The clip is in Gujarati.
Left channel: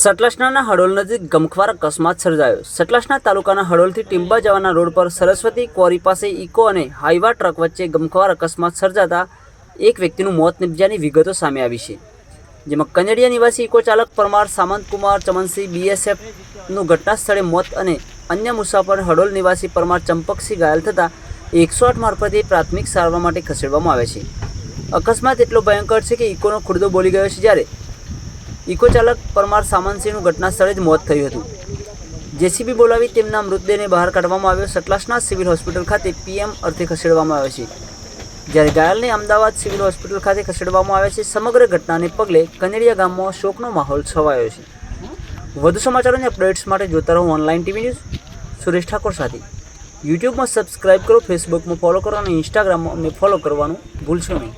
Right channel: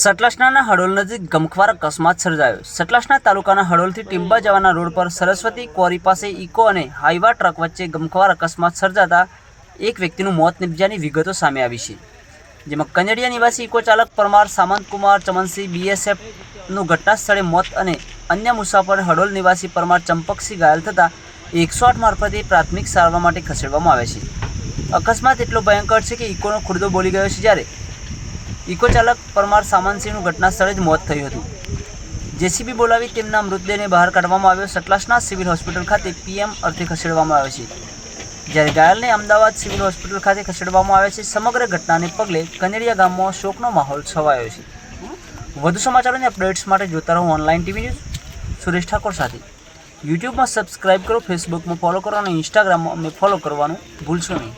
સતલાસણાના હડોલ નજીક ગમખ્વાર અકસ્માત સર્જાયો. સતલાસણા તાલુકાના હડોલથી ટીંબા જવાના રોડ પર સરસ્વતી ક્વોરી પાસે ઇકો અને હાઈવા ટ્રક વચ્ચે ગમખ્વાર અકસ્માત સર્જાતા એક વ્યક્તિનું મોત નિપજ્યાની વિગતો સામે આવી છે. જેમાં કનેડિયા નિવાસી ઇકો ચાલક પરમાર સામંતકુમાર ચમનસિંહ બીએસએફનું ઘટના સ્થળે મોત અને અન્ય મુસાફર હડોલ નિવાસી પરમાર ચંપકસિંહ ઘાયલ થતાં એકસો આઠ મારફતે પ્રાથમિક સારવાર માટે ખસેડવામાં આવે છે. અકસ્માત એટલો ભયંકર છે કે ઇકોનો ખુરદો બોલી ગયો છે જ્યારે ઇકો ચાલક પરમાર સામંતસિંહનું ઘટના સ્થળે જ મોત થયું હતું. જેસીબી બોલાવી તેમના મૃતદેહને બહાર કાઢવામાં આવ્યો. સતલાસના સિવિલ હોસ્પિટલ ખાતે પીએમ અર્થે ખસેડવામાં આવ્યો છે. જ્યારે ઘાયલને અમદાવાદ સિવિલ હોસ્પિટલ ખાતે ખસેડવામાં આવે છે, સમગ્ર ઘટનાને પગલે કનેરિયા ગામમાં શોકનો માહોલ છવાયો છે. વધુ સમાચારોની અપડેટ્સ માટે જોતા રહો online TV news. Suresh Thakor સાથે. યુટ્યુબમાં સબસ્ક્રાઇબ કરો, ફેસબુકમાં ફોલો કરો અને ઇન્સ્ટાગ્રામમાં અમને ફોલો કરવાનું ભૂલશો નહીં.